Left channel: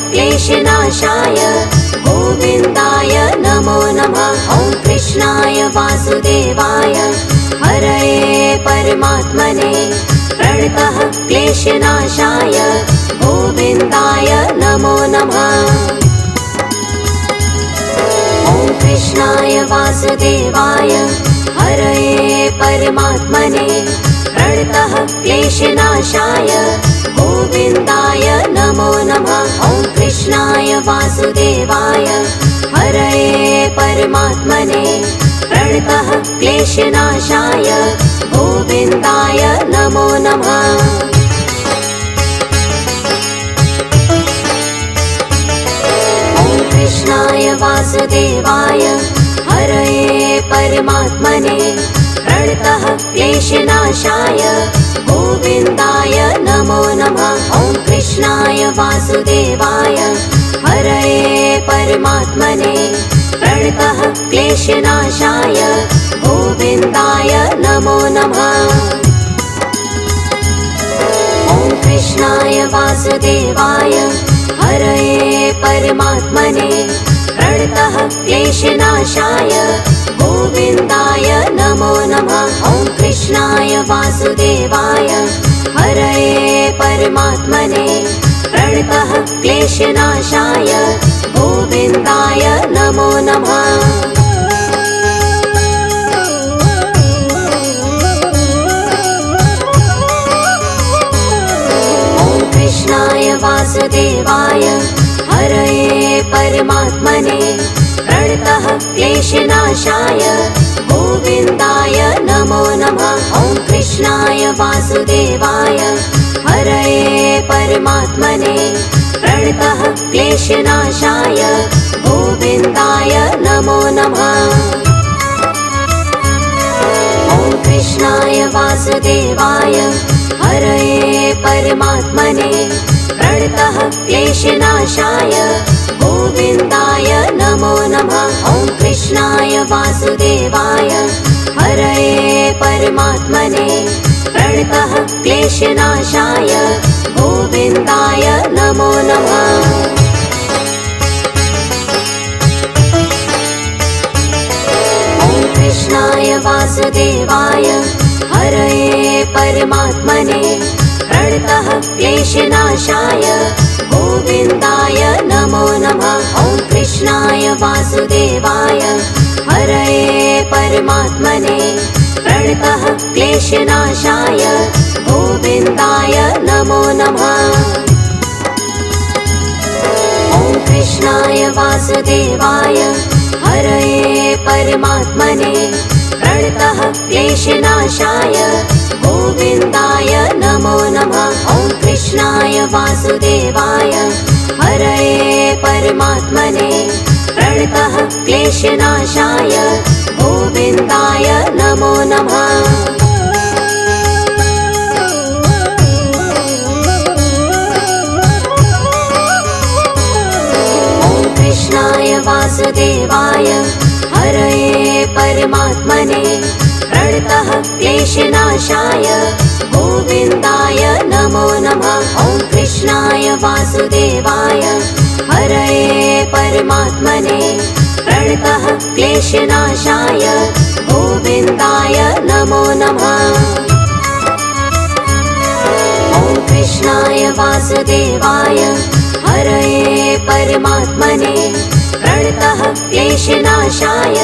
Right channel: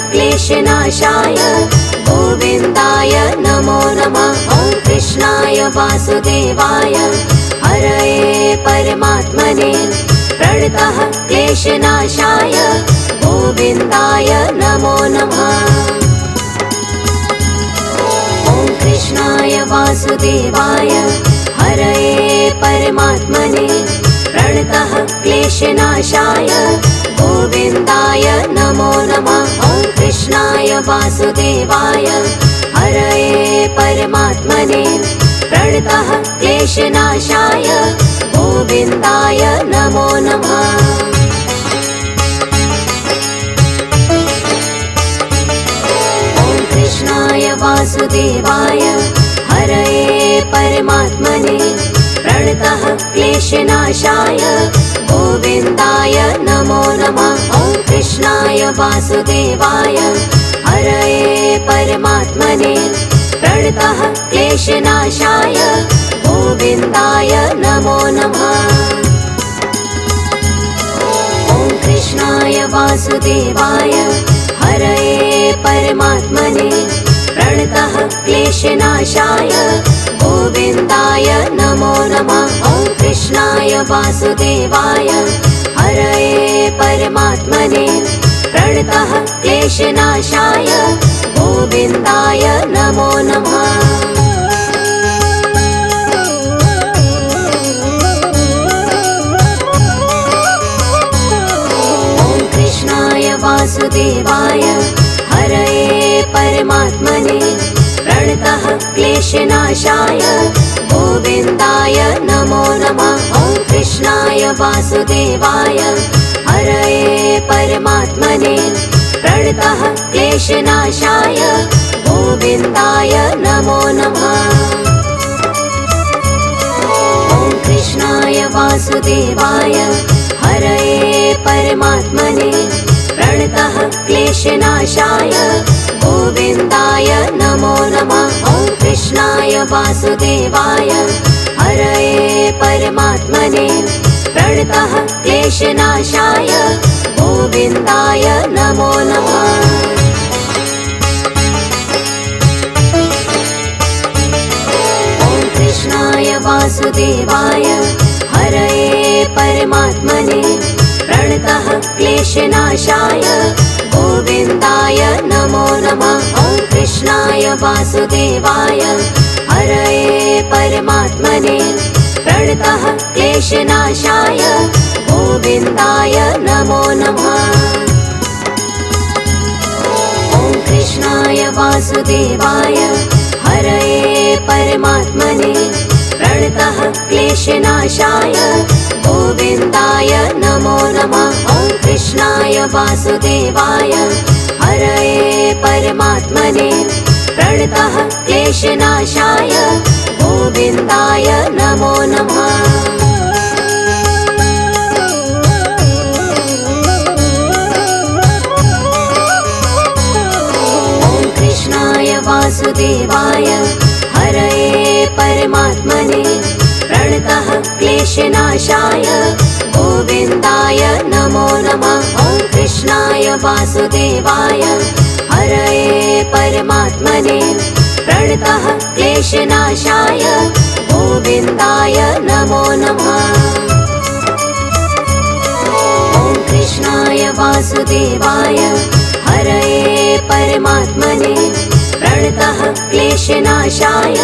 क्लेशनाशाय गोविन्दाय नमो नमः। ॐ कृष्णाय वासुदेवाय हरये परमात्मने प्रणतः क्लेशनाशाय गोविन्दाय नमो नमः। ॐ कृष्णाय वासुदेवाय हरये परमात्मने प्रणतः क्लेशनाशाय गोविन्दाय नमो नमः। ॐ कृष्णाय वासुदेवाय हरये परमात्मने प्रणतः क्लेशनाशाय गोविन्दाय नमो नमः। ॐ कृष्णाय वासुदेवाय हरये परमात्मने प्रणतः क्लेशनाशाय गोविन्दाय नमो नमः। ॐ कृष्णाय वासुदेवाय हरये परमात्मने प्रणतः क्लेशनाशाय गोविन्दाय नमो नमः। ॐ कृष्णाय वासुदेवाय हरये परमात्मने प्रणतः क्लेशनाशाय गोविन्दाय नमो नमः। ॐ कृष्णाय वासुदेवाय हरये परमात्मने प्रणतः क्लेशनाशाय गोविन्दाय नमो नमः। ॐ कृष्णाय वासुदेवाय हरये परमात्मने प्रणतः क्लेशनाशाय गोविन्दाय नमो नमः। ॐ कृष्णाय वासुदेवाय हरये परमात्मने प्रणतः क्लेशनाशाय गोविन्दाय नमो नमः। ॐ कृष्णाय वासुदेवाय हरये परमात्मने प्रणतः क्लेशनाशाय गोविन्दाय नमो नमः। ॐ कृष्णाय वासुदेवाय हरये परमात्मने प्रणतः क्लेशनाशाय गोविन्दाय नमो नमः। ॐ कृष्णाय वासुदेवाय हरये परमात्मने प्रणतः क्लेशनाशाय गोविन्दाय नमो नमः। ॐ कृष्णाय वासुदेवाय हरये परमात्मने प्रणतः क्लेशनाशाय गोविन्दाय नमो नमः। ॐ कृष्णाय वासुदेवाय हरये परमात्मने प्रणतः क्लेशनाशाय गोविन्दाय नमो नमः। ॐ कृष्णाय वासुदेवाय हरये परमात्मने प्रणतः क्लेशनाशाय गोविन्दाय नमो नमः। ॐ कृष्णाय वासुदेवाय हरये परमात्मने प्रणतः क्लेशनाशाय गोविन्दाय नमो नमः। ॐ कृष्णाय वासुदेवाय हरये परमात्मने प्रणतः क्लेशनाशाय गोविन्दाय नमो नमः। ॐ कृष्णाय वासुदेवाय हरये परमात्मने प्रणतः क्लेशनाशाय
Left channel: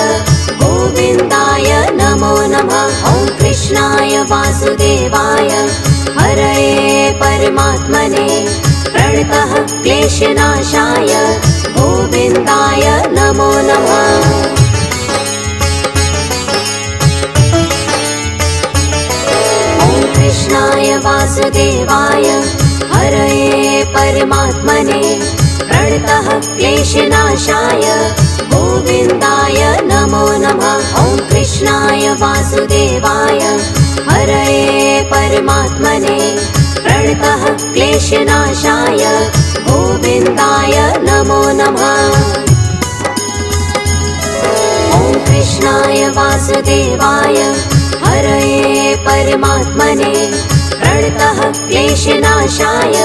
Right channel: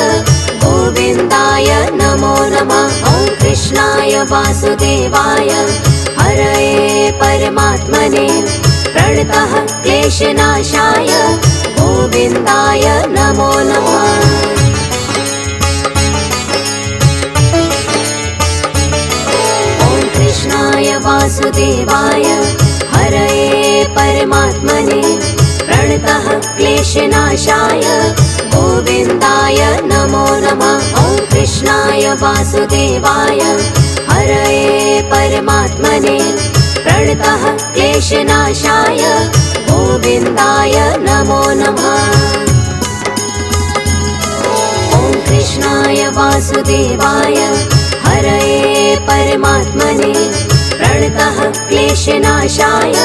गोविन्दाय नमो नमः। ॐ कृष्णाय वासुदेवाय हरये परमात्मने प्रणतः क्लेशनाशाय गोविन्दाय नमो नमः। ॐ कृष्णाय वासुदेवाय हरये परमात्मने प्रणतः क्लेशनाशाय गोविन्दाय नमो नमः। ॐ कृष्णाय वासुदेवाय हरये परमात्मने प्रणतः क्लेशनाशाय गोविन्दाय नमो नमः। ॐ कृष्णाय वासुदेवाय हरये परमात्मने प्रणतः क्लेशनाशाय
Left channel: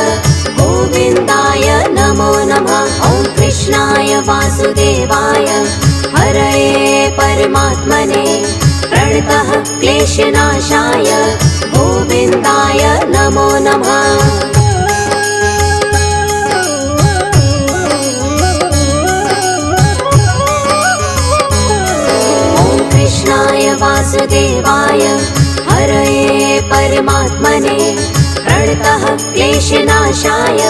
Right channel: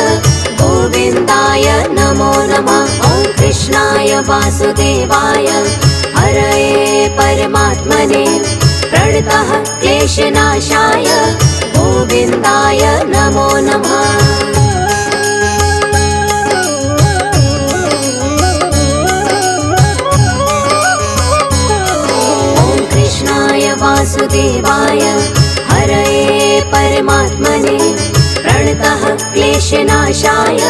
गोविन्दाय नमो नमः। वासुदेवाय हरये परमात्मने प्रणतः क्लेशनाशाय गोविन्दाय नमो नमः। वासुदेवाय हरये परमात्मने प्रणतः क्लेशनाशाय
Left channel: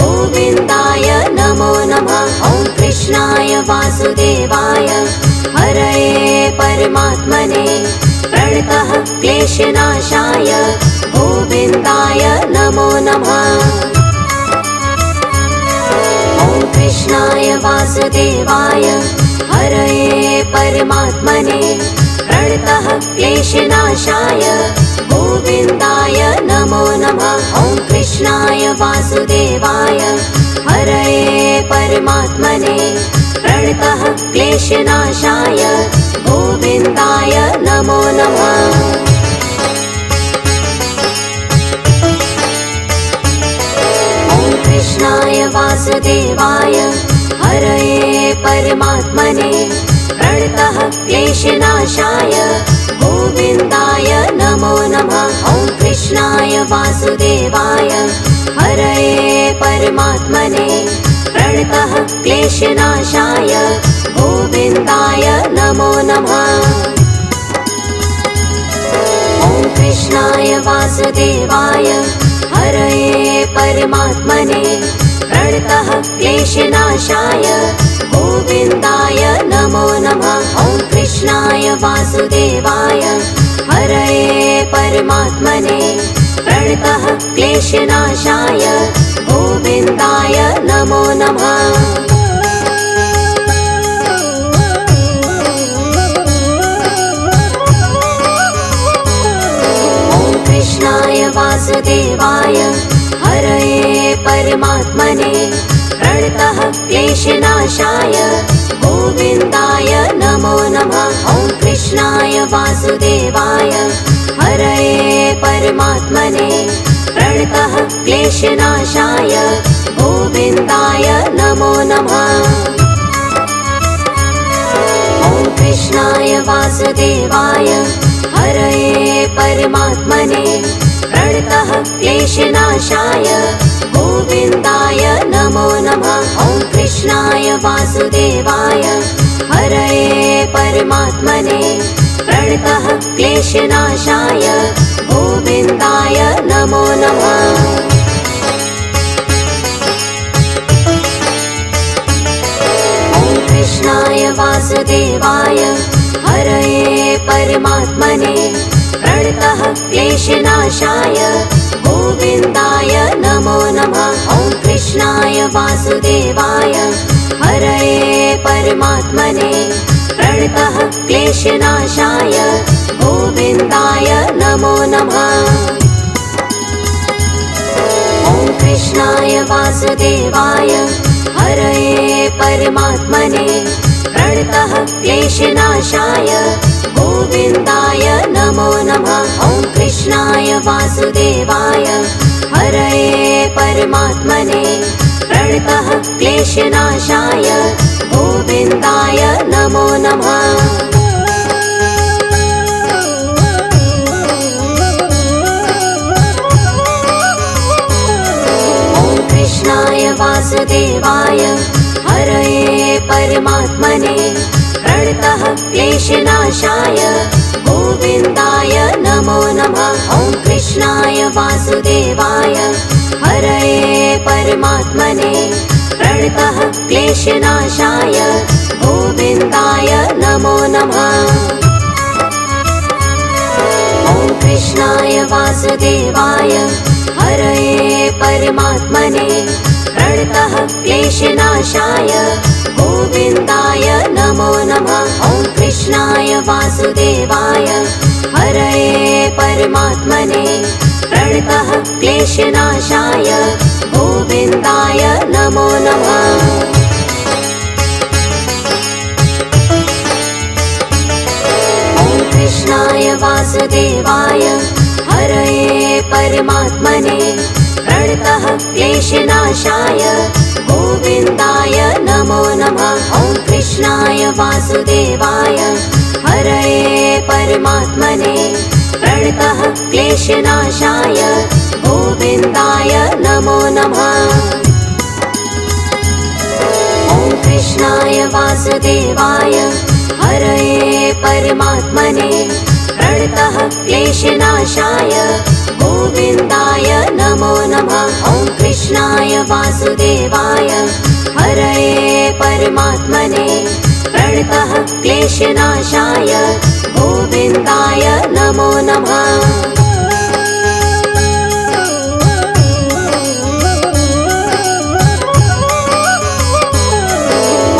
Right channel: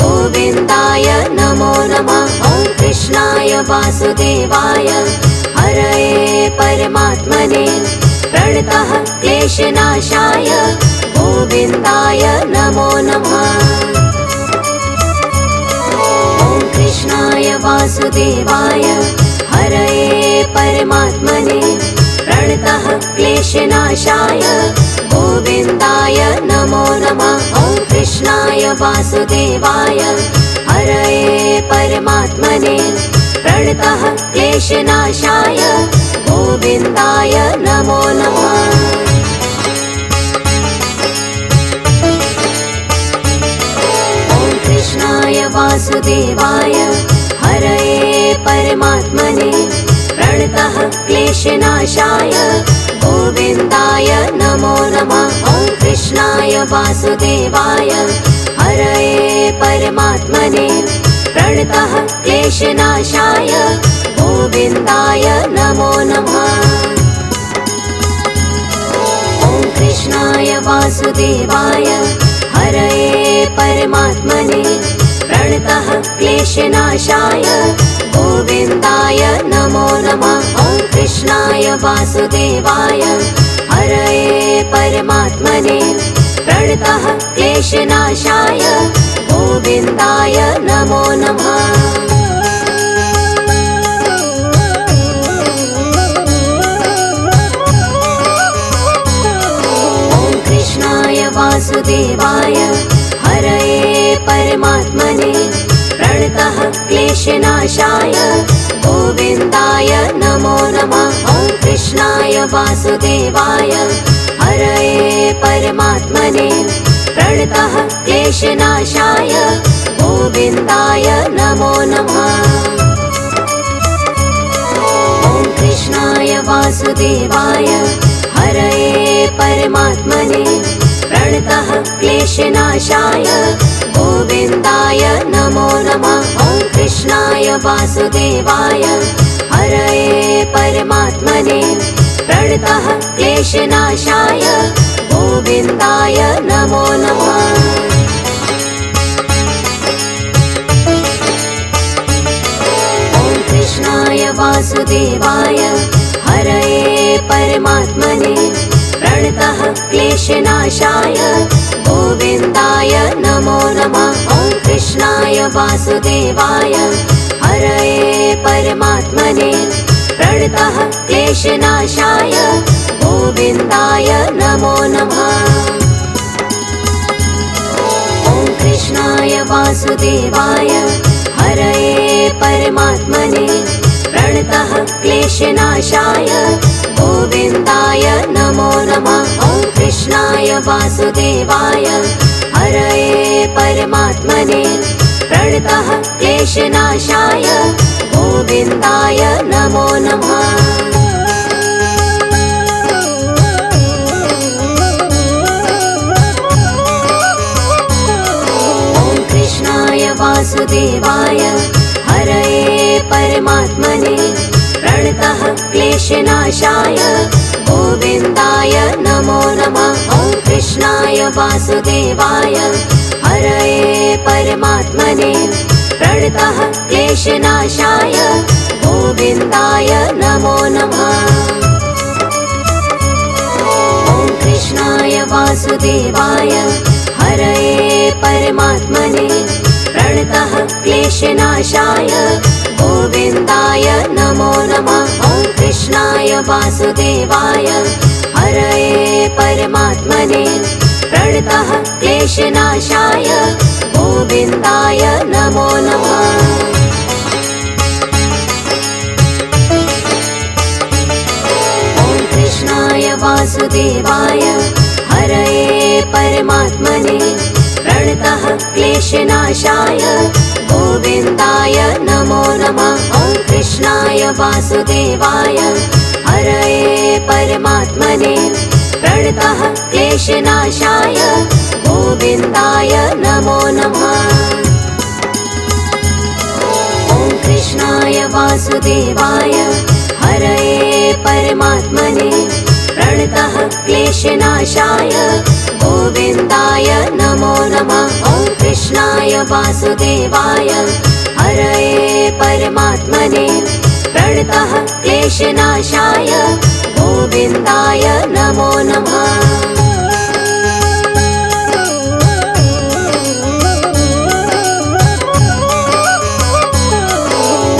गोविन्दाय नमो नमः। ॐ कृष्णाय वासुदेवाय हरये परमात्मने प्रणतः क्लेशनाशाय गोविन्दाय नमो नमः। ॐ कृष्णाय वासुदेवाय हरये परमात्मने प्रणतः क्लेशनाशाय गोविन्दाय नमो नमः। ॐ कृष्णाय वासुदेवाय हरये परमात्मने प्रणतः क्लेशनाशाय गोविन्दाय नमो नमः। ॐ कृष्णाय वासुदेवाय हरये परमात्मने प्रणतः क्लेशनाशाय गोविन्दाय नमो नमः। ॐ कृष्णाय वासुदेवाय हरये परमात्मने प्रणतः क्लेशनाशाय गोविन्दाय नमो नमः। ॐ कृष्णाय वासुदेवाय हरये परमात्मने प्रणतः क्लेशनाशाय गोविन्दाय नमो नमः। ॐ कृष्णाय वासुदेवाय हरये परमात्मने प्रणतः क्लेशनाशाय गोविन्दाय नमो नमः। ॐ कृष्णाय वासुदेवाय हरये परमात्मने प्रणतः क्लेशनाशाय गोविन्दाय नमो नमः। ॐ कृष्णाय वासुदेवाय हरये परमात्मने प्रणतः क्लेशनाशाय गोविन्दाय नमो नमः। ॐ कृष्णाय वासुदेवाय हरये परमात्मने प्रणतः क्लेशनाशाय गोविन्दाय नमो नमः। ॐ कृष्णाय वासुदेवाय हरये परमात्मने प्रणतः क्लेशनाशाय गोविन्दाय नमो नमः। ॐ कृष्णाय वासुदेवाय हरये परमात्मने प्रणतः क्लेशनाशाय गोविन्दाय नमो नमः। ॐ कृष्णाय वासुदेवाय हरये परमात्मने प्रणतः क्लेशनाशाय गोविन्दाय नमो नमः। ॐ कृष्णाय वासुदेवाय हरये परमात्मने प्रणतः क्लेशनाशाय गोविन्दाय नमो नमः। ॐ कृष्णाय वासुदेवाय हरये परमात्मने प्रणतः क्लेशनाशाय गोविन्दाय नमो नमः। ॐ कृष्णाय वासुदेवाय हरये परमात्मने प्रणतः क्लेशनाशाय गोविन्दाय नमो नमः। ॐ कृष्णाय वासुदेवाय हरये परमात्मने प्रणतः क्लेशनाशाय गोविन्दाय नमो नमः। ॐ कृष्णाय वासुदेवाय हरये परमात्मने प्रणतः क्लेशनाशाय गोविन्दाय नमो नमः। ॐ कृष्णाय वासुदेवाय हरये परमात्मने प्रणतः क्लेशनाशाय गोविन्दाय नमो नमः। ॐ कृष्णाय वासुदेवाय हरये परमात्मने प्रणतः क्लेशनाशाय गोविन्दाय नमो नमः। वासुदेवाय हरये परमात्मने प्रणतः क्लेशनाशाय गोविन्दाय नमो नमः। ॐ कृष्णाय वासुदेवाय हरये परमात्मने प्रणतः क्लेशनाशाय गोविन्दाय नमो नमः। ॐ कृष्णाय वासुदेवाय हरये परमात्मने प्रणतः क्लेशनाशाय गोविन्दाय नमो नमः।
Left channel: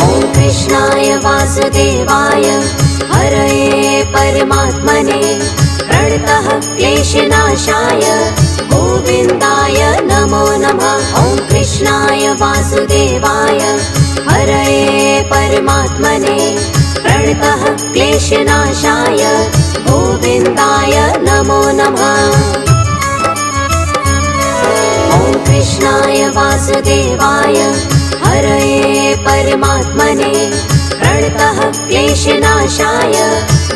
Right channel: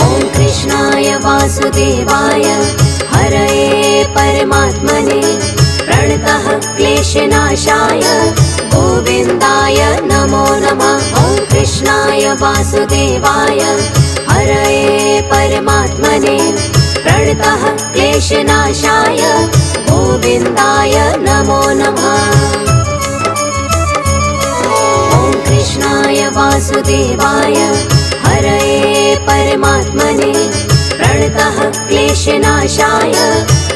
ॐ कृष्णाय वासुदेवाय हरये परमात्मने प्रणतः क्लेशनाशाय गोविन्दाय नमो नमः। ॐ कृष्णाय वासुदेवाय हरये परमात्मने प्रणतः क्लेशनाशाय गोविन्दाय नमो नमः। ॐ कृष्णाय वासुदेवाय हरये परमात्मने प्रणतः क्लेशनाशाय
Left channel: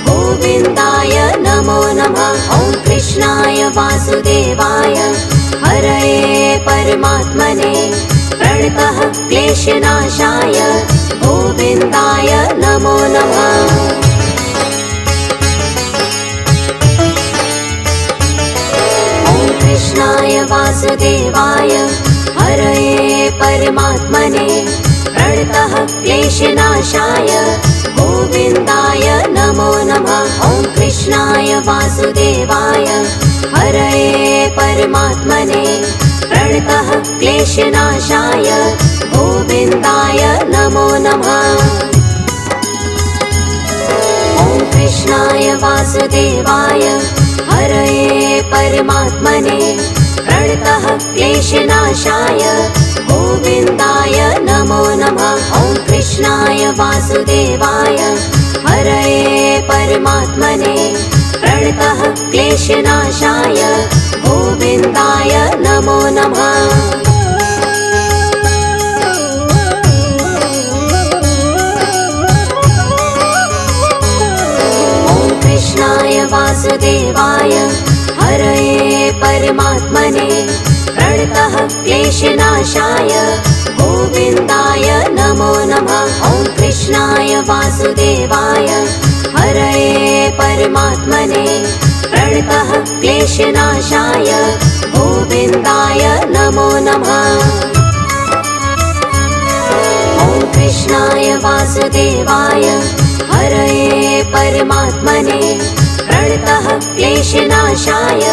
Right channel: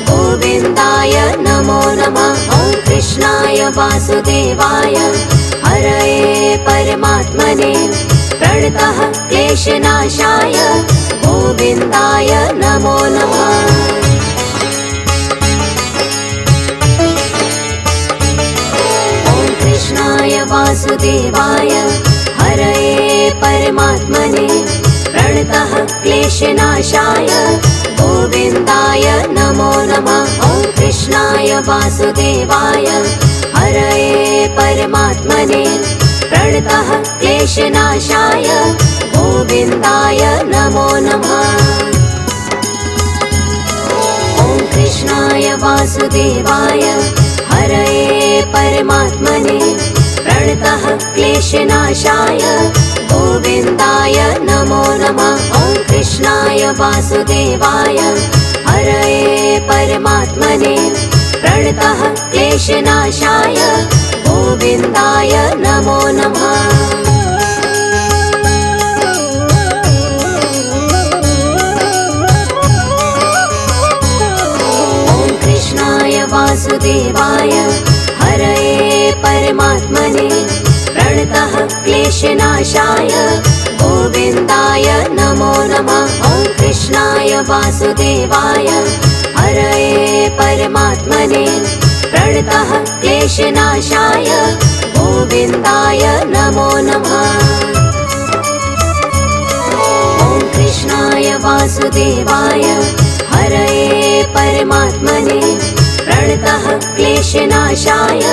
गोविन्दाय नमो नमः। ॐ कृष्णाय वासुदेवाय हरये परमात्मने प्रणतः क्लेशनाशाय गोविन्दाय नमो नमः। ॐ कृष्णाय वासुदेवाय हरये परमात्मने प्रणतः क्लेशनाशाय गोविन्दाय नमो नमः। ॐ कृष्णाय वासुदेवाय हरये परमात्मने प्रणतः क्लेशनाशाय गोविन्दाय नमो नमः। ॐ कृष्णाय वासुदेवाय हरये परमात्मने प्रणतः क्लेशनाशाय गोविन्दाय नमो नमः। ॐ कृष्णाय वासुदेवाय हरये परमात्मने प्रणतः क्लेशनाशाय गोविन्दाय नमो नमः। ॐ कृष्णाय वासुदेवाय हरये परमात्मने प्रणतः क्लेशनाशाय गोविन्दाय नमो नमः। ॐ कृष्णाय वासुदेवाय हरये परमात्मने प्रणतः क्लेशनाशाय गोविन्दाय नमो नमः। ॐ कृष्णाय वासुदेवाय हरये परमात्मने प्रणतः क्लेशनाशाय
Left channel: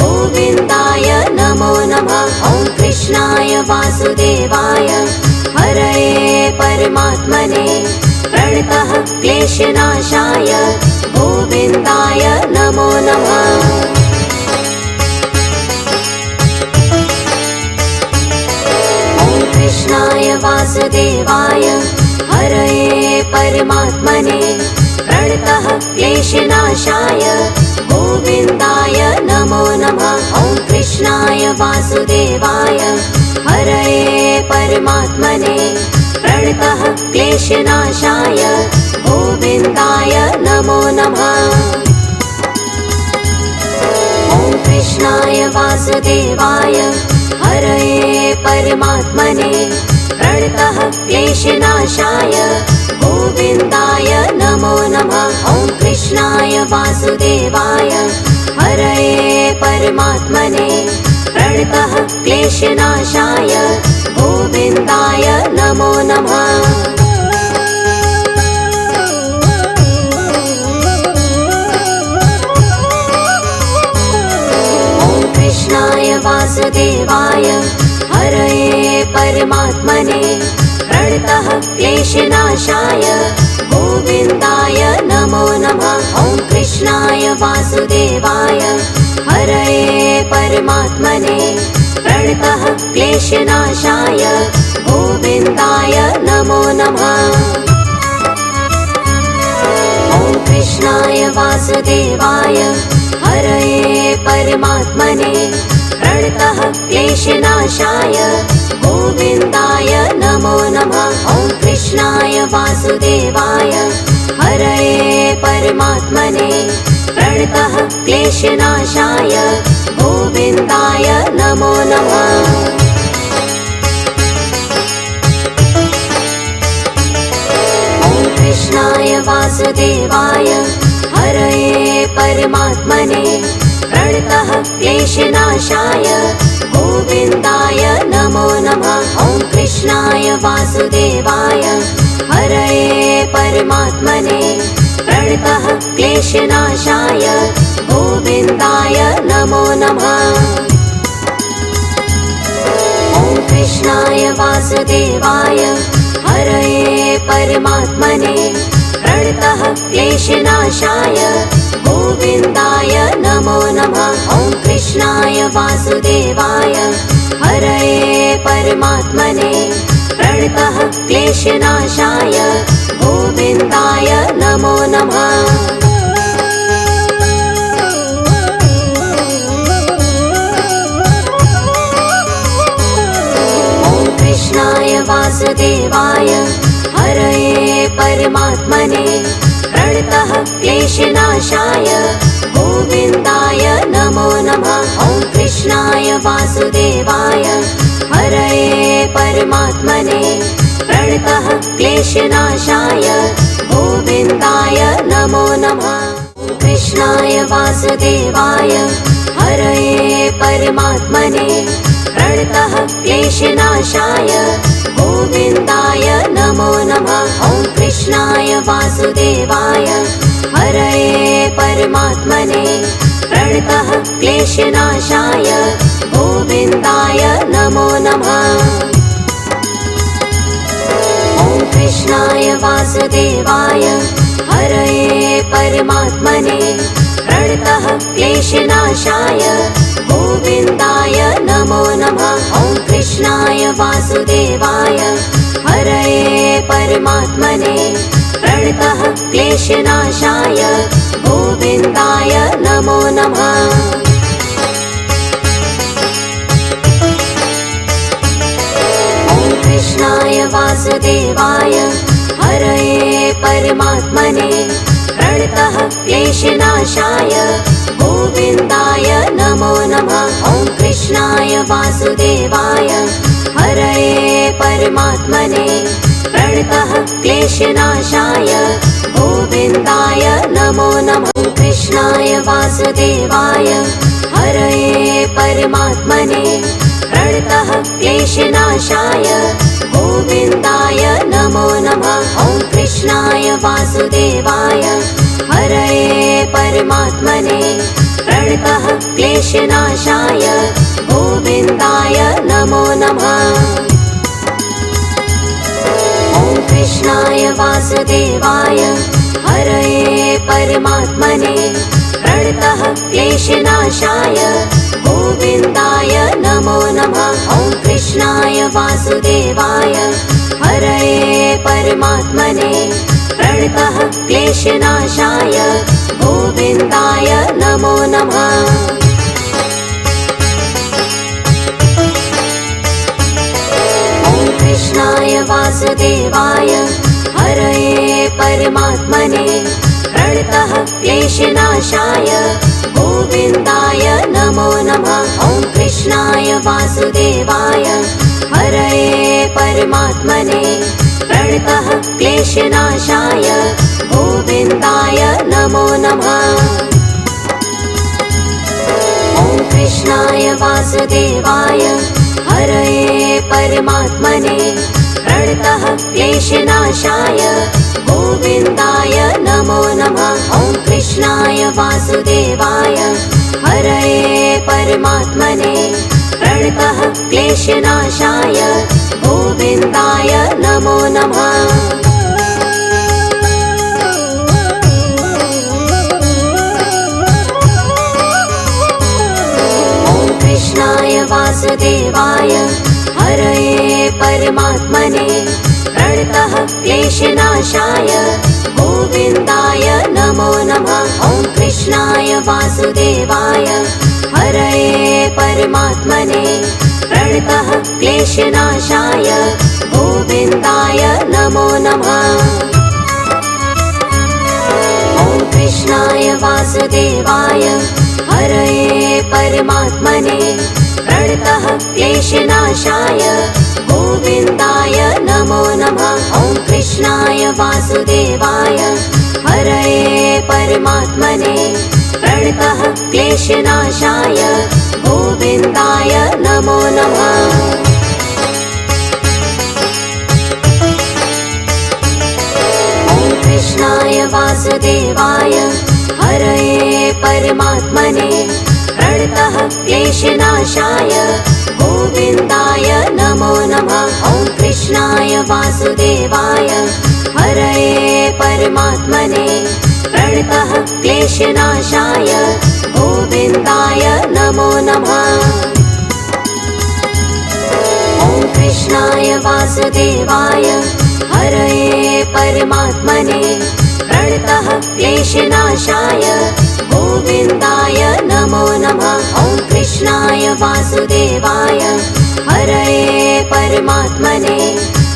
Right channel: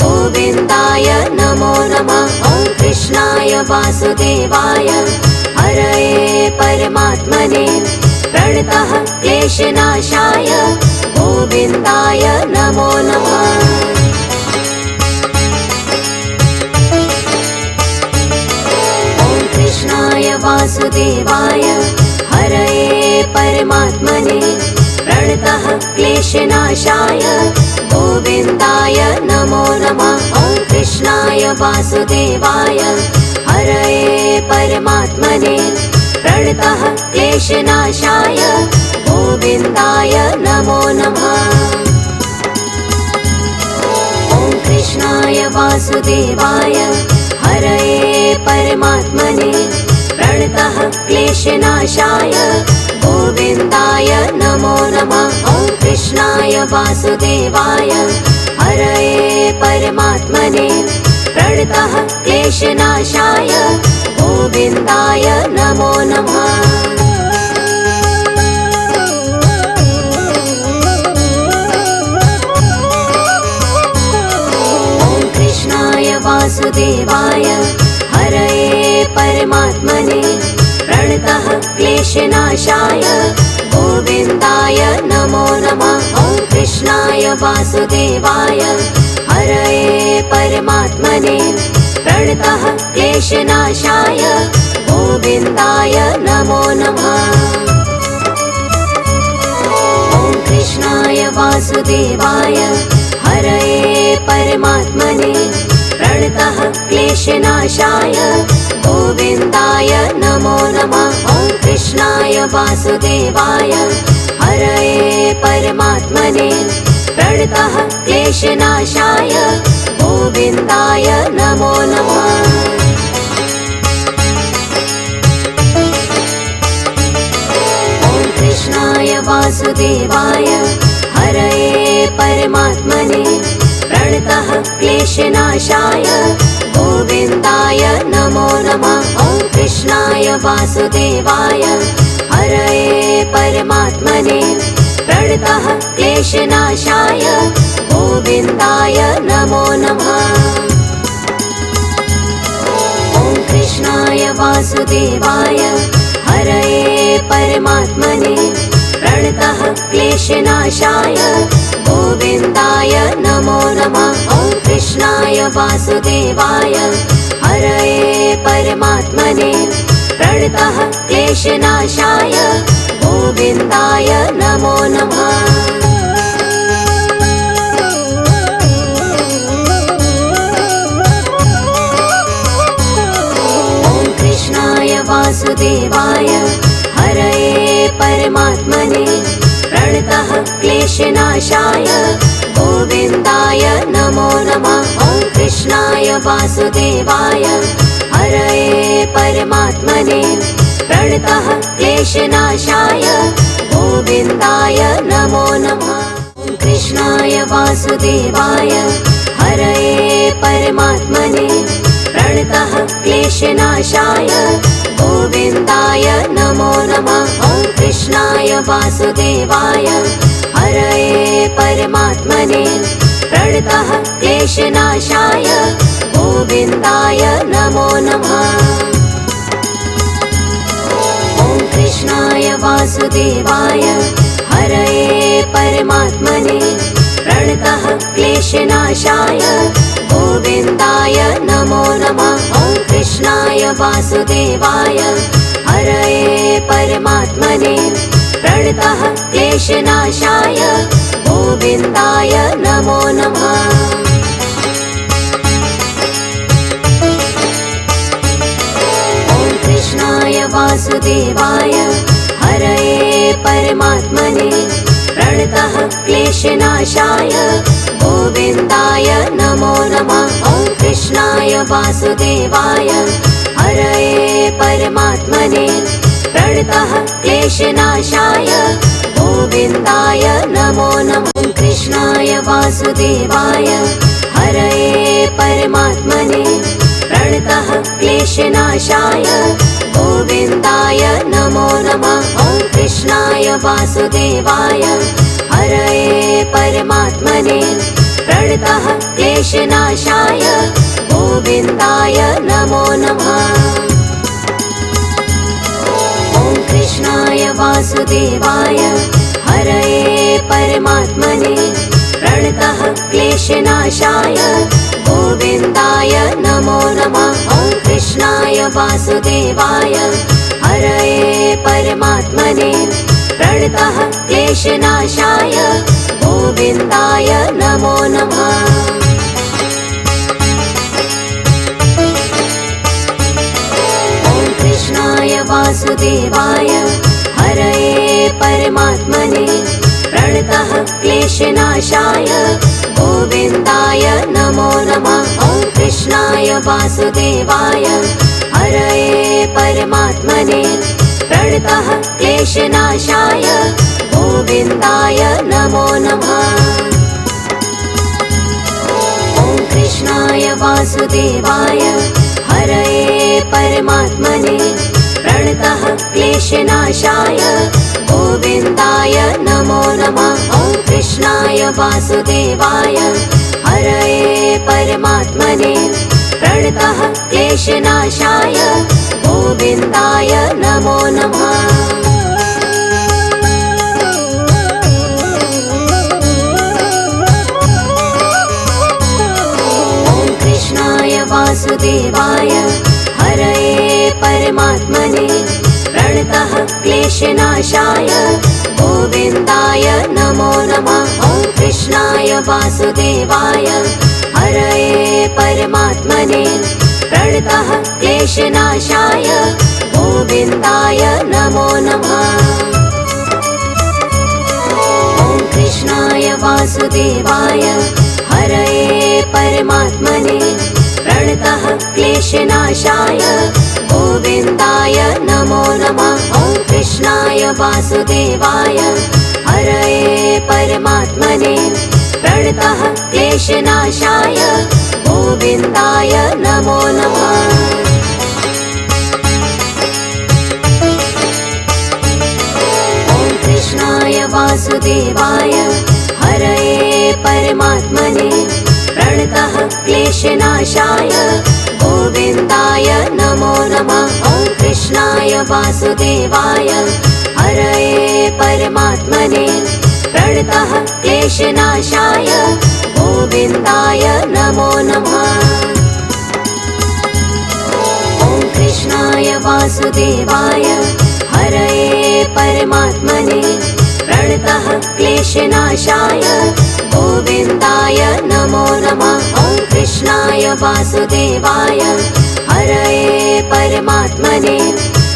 गोविन्दाय नमो नमः। ॐ कृष्णाय वासुदेवाय हरये परमात्मने प्रणतः क्लेशनाशाय गोविन्दाय नमो नमः। ॐ कृष्णाय वासुदेवाय हरये परमात्मने प्रणतः क्लेशनाशाय गोविन्दाय नमो नमः। ॐ कृष्णाय वासुदेवाय हरये परमात्मने प्रणतः क्लेशनाशाय गोविन्दाय नमो नमः। ॐ कृष्णाय वासुदेवाय हरये परमात्मने प्रणतः क्लेशनाशाय गोविन्दाय नमो नमः। ॐ कृष्णाय वासुदेवाय हरये परमात्मने प्रणतः क्लेशनाशाय गोविन्दाय नमो नमः। ॐ कृष्णाय वासुदेवाय हरये परमात्मने प्रणतः क्लेशनाशाय गोविन्दाय नमो नमः। ॐ कृष्णाय वासुदेवाय हरये परमात्मने प्रणतः क्लेशनाशाय गोविन्दाय नमो नमः। ॐ कृष्णाय वासुदेवाय हरये परमात्मने प्रणतः क्लेशनाशाय गोविन्दाय नमो नमः। ॐ कृष्णाय वासुदेवाय परमात्मने प्रणतः क्लेशनाशाय गोविन्दाय नमो नमः। कृष्णाय वासुदेवाय हरये परमात्मने प्रणतः क्लेशनाशाय गोविन्दाय नमो नमः। ॐ कृष्णाय वासुदेवाय हरये परमात्मने प्रणतः क्लेशनाशाय गोविन्दाय नमो नमः। ॐ कृष्णाय वासुदेवाय हरये परमात्मने प्रणतः क्लेशनाशाय गोविन्दाय नमो नमः। ॐ कृष्णाय वासुदेवाय हरये परमात्मने प्रणतः क्लेशनाशाय गोविन्दाय नमो नमः। वासुदेवाय हरये परमात्मने प्रणतः क्लेशनाशाय गोविन्दाय नमो नमः। ॐ कृष्णाय वासुदेवाय हरये परमात्मने प्रणतः क्लेशनाशाय गोविन्दाय नमो नमः। कृष्णाय वासुदेवाय हरये परमात्मने प्रणतः क्लेशनाशाय गोविन्दाय नमो नमः। ॐ कृष्णाय वासुदेवाय हरये परमात्मने प्रणतः क्लेशनाशाय गोविन्दाय नमो नमः। ॐ कृष्णाय वासुदेवाय हरये परमात्मने प्रणतः क्लेशनाशाय गोविन्दाय नमो नमः। ॐ कृष्णाय वासुदेवाय हरये परमात्मने प्रणतः क्लेशनाशाय गोविन्दाय नमो नमः। ॐ कृष्णाय वासुदेवाय हरये परमात्मने प्रणतः क्लेशनाशाय गोविन्दाय नमो नमः। ॐ कृष्णाय वासुदेवाय हरये परमात्मने प्रणतः क्लेशनाशाय गोविन्दाय नमो नमः। कृष्णाय वासुदेवाय हरये परमात्मने प्रणतः क्लेशनाशाय गोविन्दाय नमो नमः। ॐ कृष्णाय वासुदेवाय हरये परमात्मने प्रणतः क्लेशनाशाय गोविन्दाय नमो नमः। ॐ कृष्णाय वासुदेवाय हरये परमात्मने प्रणतः क्लेशनाशाय गोविन्दाय नमो नमः। ॐ कृष्णाय वासुदेवाय हरये परमात्मने प्रणतः क्लेशनाशाय गोविन्दाय नमो नमः। ॐ कृष्णाय वासुदेवाय हरये परमात्मने प्रणतः क्लेशनाशाय गोविन्दाय नमो नमः। ॐ कृष्णाय वासुदेवाय हरये परमात्मने प्रणतः क्लेशनाशाय गोविन्दाय नमो नमः। ॐ कृष्णाय वासुदेवाय हरये परमात्मने प्रणतः क्लेशनाशाय गोविन्दाय नमो नमः। ॐ कृष्णाय वासुदेवाय हरये परमात्मने प्रणतः क्लेशनाशाय गोविन्दाय नमो नमः। वासुदेवाय हरये परमात्मने प्रणतः क्लेशनाशाय गोविन्दाय नमो नमः। ॐ कृष्णाय वासुदेवाय हरये परमात्मने प्रणतः क्लेशनाशाय गोविन्दाय नमो नमः। ॐ कृष्णाय वासुदेवाय हरये परमात्मने प्रणतः क्लेशनाशाय गोविन्दाय नमो नमः। ॐ कृष्णाय वासुदेवाय हरये परमात्मने प्रणतः क्लेशनाशाय गोविन्दाय नमो नमः। कृष्णाय वासुदेवाय हरये परमात्मने प्रणतः क्लेशनाशाय गोविन्दाय नमो नमः। ॐ कृष्णाय वासुदेवाय हरये परमात्मने प्रणतः क्लेशनाशाय गोविन्दाय नमो नमः। ॐ कृष्णाय वासुदेवाय हरये परमात्मने प्रणतः क्लेशनाशाय गोविन्दाय नमो नमः। ॐ कृष्णाय वासुदेवाय हरये परमात्मने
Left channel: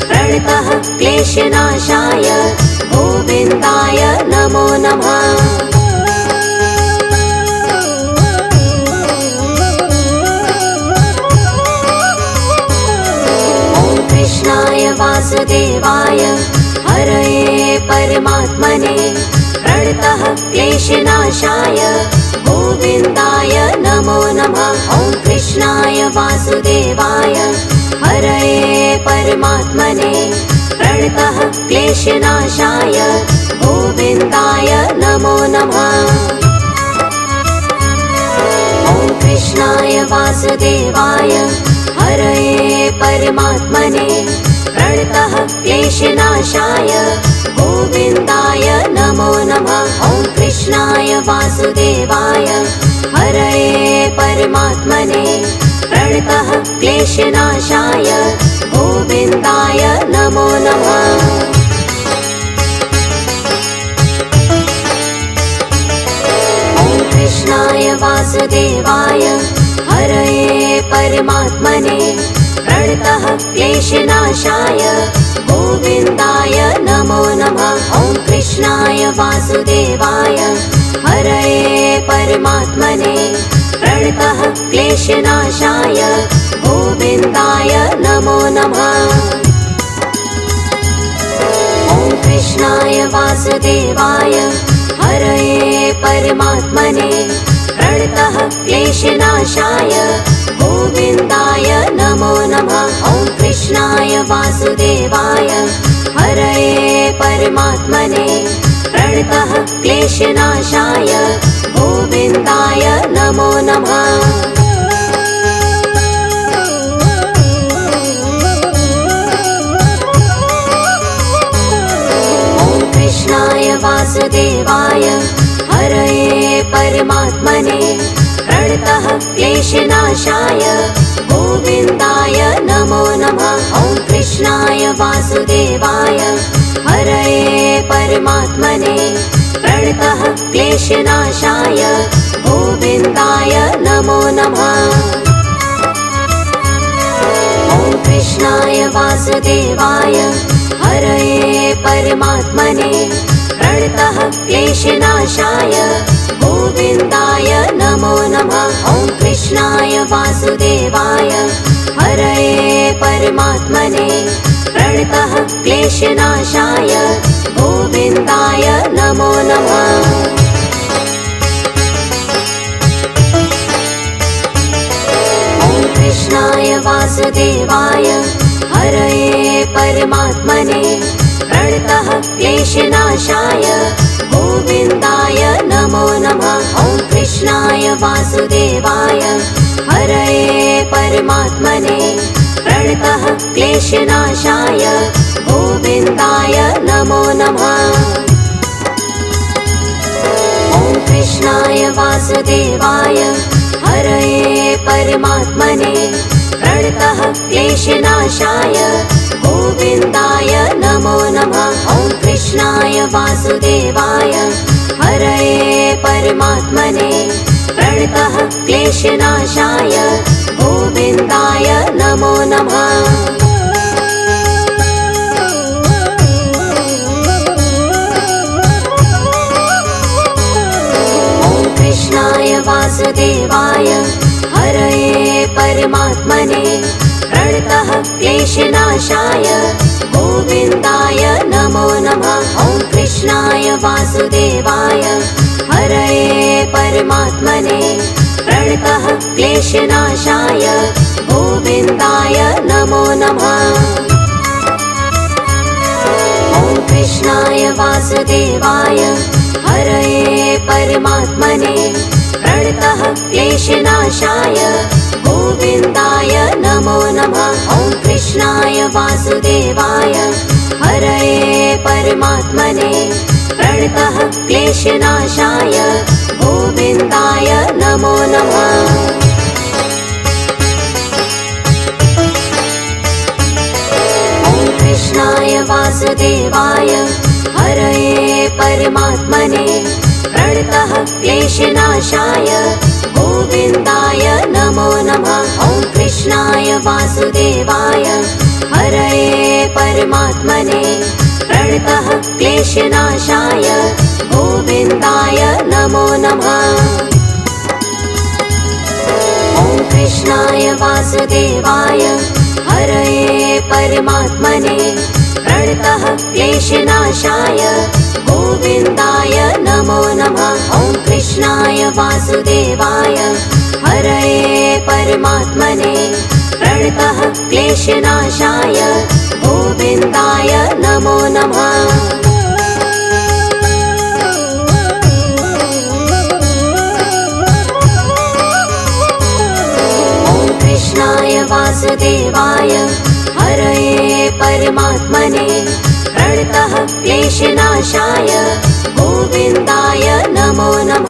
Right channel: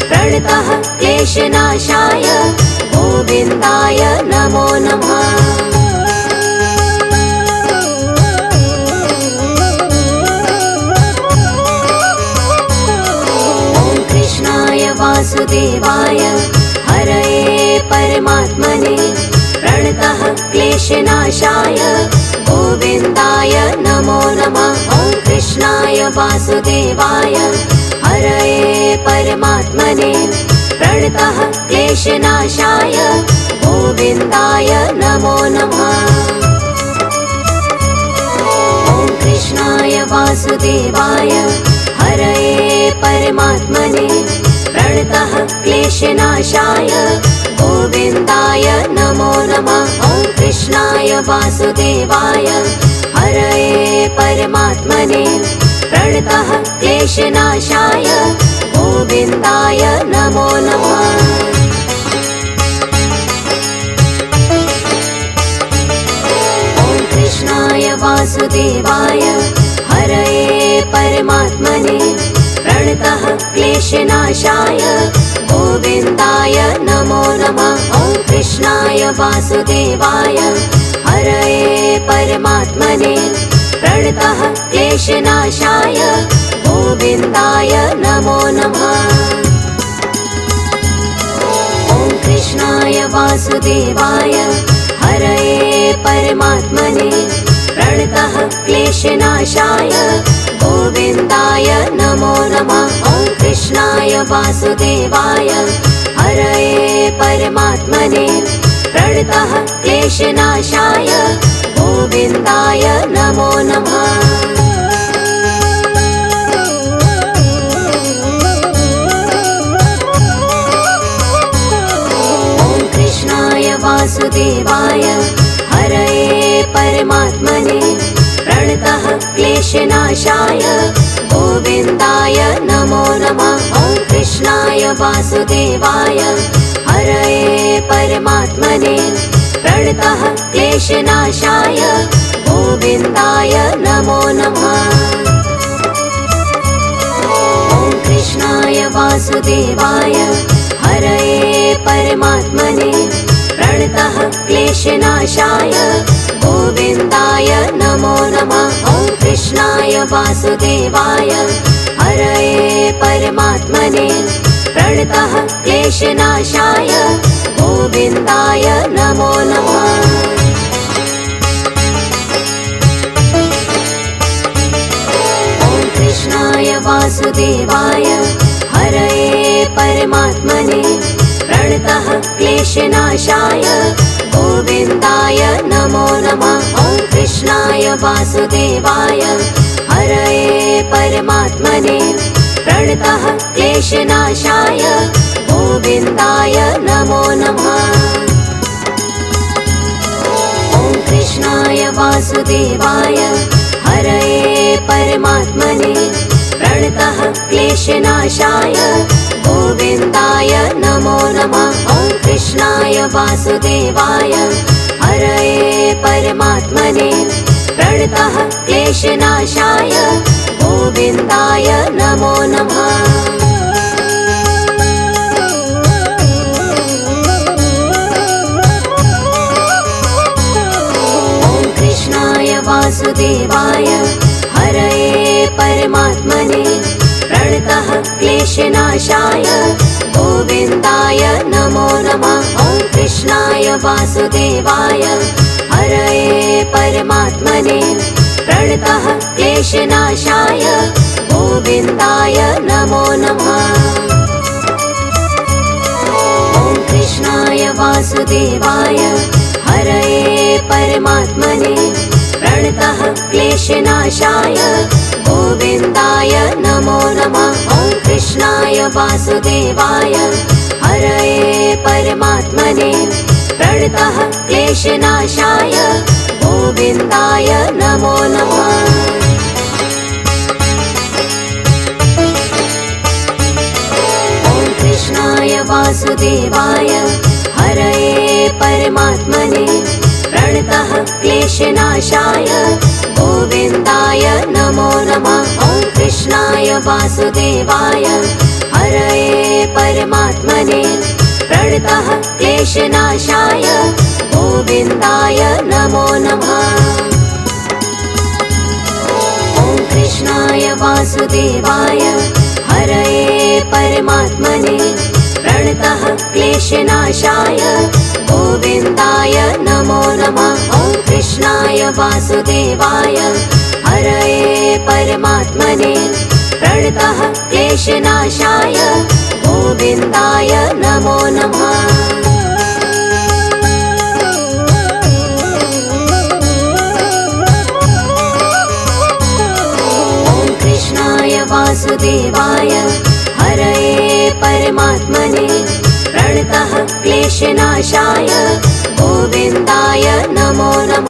प्रणतः क्लेशनाशाय गोविन्दाय नमो नमः। वासुदेवाय हरये परमात्मने प्रणतः क्लेशनाशाय गोविन्दाय नमो नमः। ॐ कृष्णाय वासुदेवाय हरये परमात्मने प्रणतः क्लेशनाशाय गोविन्दाय नमो नमः। ॐ कृष्णाय वासुदेवाय हरये परमात्मने प्रणतः क्लेशनाशाय गोविन्दाय नमो नमः। ॐ कृष्णाय वासुदेवाय हरये परमात्मने प्रणतः क्लेशनाशाय गोविन्दाय नमो नमः। ॐ कृष्णाय वासुदेवाय हरये परमात्मने प्रणतः क्लेशनाशाय गोविन्दाय नमो नमः। ॐ कृष्णाय वासुदेवाय हरये परमात्मने प्रणतः क्लेशनाशाय गोविन्दाय नमो नमः। ॐ कृष्णाय वासुदेवाय हरये परमात्मने प्रणतः क्लेशनाशाय गोविन्दाय नमो नमः। ॐ कृष्णाय वासुदेवाय हरये परमात्मने प्रणतः क्लेशनाशाय गोविन्दाय नमो नमः। ॐ कृष्णाय वासुदेवाय हरये परमात्मने प्रणतः क्लेशनाशाय गोविन्दाय नमो नमः। ॐ कृष्णाय वासुदेवाय हरये परमात्मने प्रणतः क्लेशनाशाय गोविन्दाय नमो नमः। ॐ कृष्णाय वासुदेवाय हरये परमात्मने प्रणतः क्लेशनाशाय गोविन्दाय नमो नमः। ॐ कृष्णाय वासुदेवाय हरये परमात्मने प्रणतः क्लेशनाशाय गोविन्दाय नमो नमः। ॐ कृष्णाय वासुदेवाय हरये परमात्मने प्रणतः क्लेशनाशाय गोविन्दाय नमो नमः। ॐ कृष्णाय वासुदेवाय हरये परमात्मने प्रणतः क्लेशनाशाय गोविन्दाय नमो नमः। ॐ कृष्णाय वासुदेवाय हरये परमात्मने प्रणतः क्लेशनाशाय गोविन्दाय नमो नमः। ॐ कृष्णाय वासुदेवाय हरये परमात्मने प्रणतः क्लेशनाशाय गोविन्दाय नमो नमः। ॐ क्लेशनाशाय गोविन्दाय नमो नमः। ॐ कृष्णाय वासुदेवाय हरये परमात्मने प्रणतः क्लेशनाशाय गोविन्दाय नमो नमः। ॐ कृष्णाय वासुदेवाय हरये परमात्मने प्रणतः क्लेशनाशाय गोविन्दाय नमो नमः। ॐ कृष्णाय वासुदेवाय हरये परमात्मने प्रणतः क्लेशनाशाय गोविन्दाय नमो नमः। ॐ कृष्णाय वासुदेवाय हरये परमात्मने प्रणतः क्लेशनाशाय गोविन्दाय नमो नमः। ॐ कृष्णाय वासुदेवाय हरये परमात्मने प्रणतः क्लेशनाशाय गोविन्दाय नमो नमः। ॐ कृष्णाय वासुदेवाय हरये परमात्मने प्रणतः क्लेशनाशाय गोविन्दाय नमो नमः। ॐ कृष्णाय वासुदेवाय हरये परमात्मने प्रणतः क्लेशनाशाय गोविन्दाय नमो नमः। ॐ कृष्णाय वासुदेवाय हरये परमात्मने प्रणतः क्लेशनाशाय गोविन्दाय नमो नमः।